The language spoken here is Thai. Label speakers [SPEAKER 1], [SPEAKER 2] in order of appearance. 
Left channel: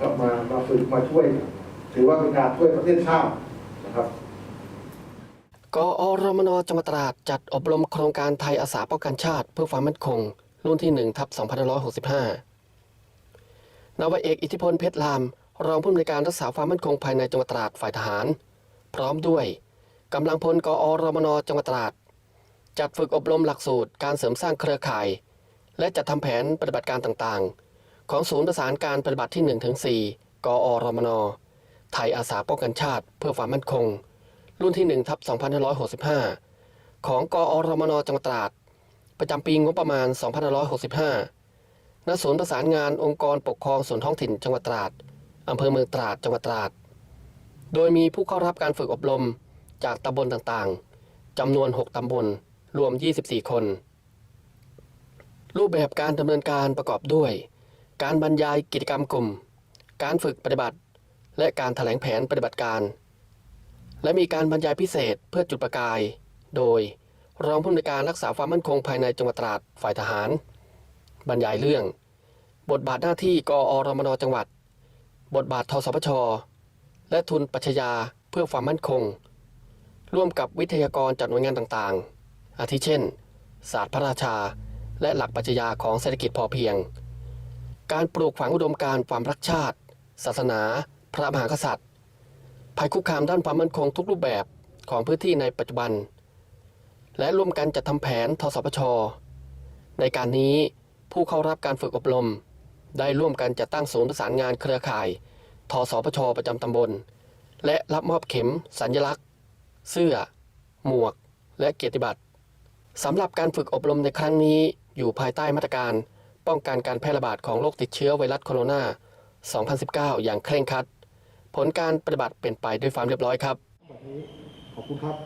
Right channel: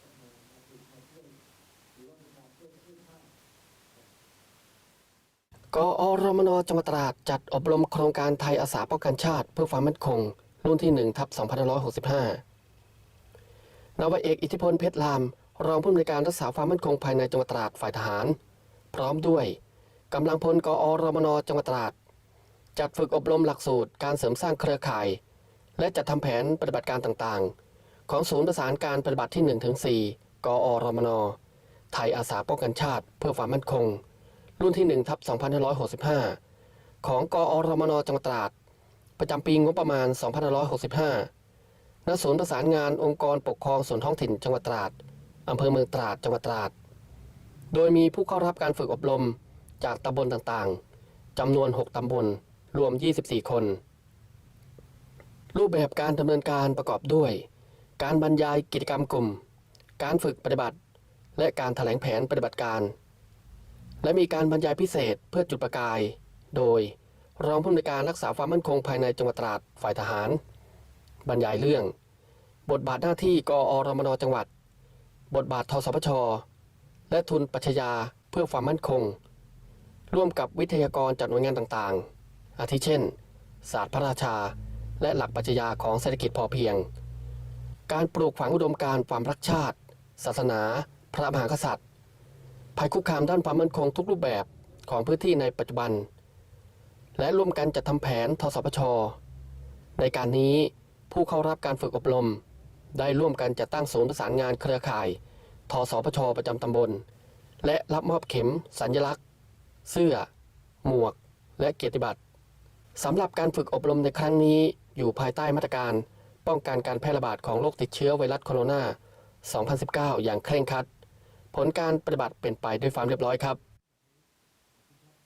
[SPEAKER 1] ครับมามาฝึกมาช่วย ถือว่าเป็นการช่วยประเทศชาตินะครับ
[SPEAKER 2] กอรมนจังหวัดตราดจัดอบรมโครงการไทยอาสาป้องกันชาติ เพื่อความมั่นคง รุ่นที่1ทับ2565นาวาเอกอิทธิพลเพชรลาม รองผู้อำนวยการรักษาความมั่นคงภายในจังหวัดตราดฝ่ายทหาร พร้อมด้วยกำลังพลกอรมนจังหวัดตราดจัดฝึกอบรมหลักสูตรการเสริมสร้างเครือข่าย และจัดทำแผนปฏิบัติการต่างๆ ของศูนย์ประสานการปฏิบัติที่1ถึง4กอรมน ไทยอาสาป้องกันชาติ เพื่อความมั่นคง รุ่นที่1ทับ2565 ของกอรมนจังหวัดตราด ประจำปีงบประมาณ 2565ณศูนย์ประสานงานองค์กรปกครองส่วนท้องถิ่นจังหวัดตราดอำเภอเมืองตราดจังหวัดตราด โดยมีผู้เข้ารับการฝึกอบรมจากตำบลต่างๆจำนวน 6ตำบล รวม 24 คน รูปแบบการดำเนินการประกอบด้วย การบรรยายกิจกรรมกลุ่ม การฝึกปฏิบัติ และการแถลงแผนปฏิบัติการ และมีการบรรยายพิเศษเพื่อจุดประกาย โดยรองผู้อำนวยการรักษาความมั่นคงภายในจังหวัดตราดฝ่ายทหาร บรรยายเรื่อง บทบาทหน้าที่กอรมนจังหวัด บทบาททสพช และทุนปัชญาเพื่อความมั่นคง ร่วมกับวิทยากรจากหน่วยงานต่างๆ อาทิเช่น ศาสตร์พระราชา และหลักปัชญาของเศรษฐกิจพอเพียง การปลูกฝังอุดมการณ์ความรักชาติ ศาสนา พระมหากษัตริย์ ภัยคุกคามด้านความมั่นคงทุกรูปแบบของพื้นที่ในปัจจุบัน และร่วมกันจัดทำแผนทสพช ในการนี้ผู้เข้ารับการฝึกอบรม ได้ร่วมกันจัดตั้งศูนย์ประสานงานเครือข่ายทสพช ประจำตำบล และรับมอบเข็ม สัญลักษณ์ เสื้อ หมวก และเกียรติบัตรสำหรับการฝึกอบรมในครั้งนี้อยู่ภายใต้มาตรการ ป้องกันการแพร่ระบาดของโรคติดเชื้อไวรัสโคโรนา 2019 อย่างเคร่งครัด ผลการปฏิบัติเป็นไปด้วยความเรียบร้อยครับ
[SPEAKER 1] ขอบคุณครับ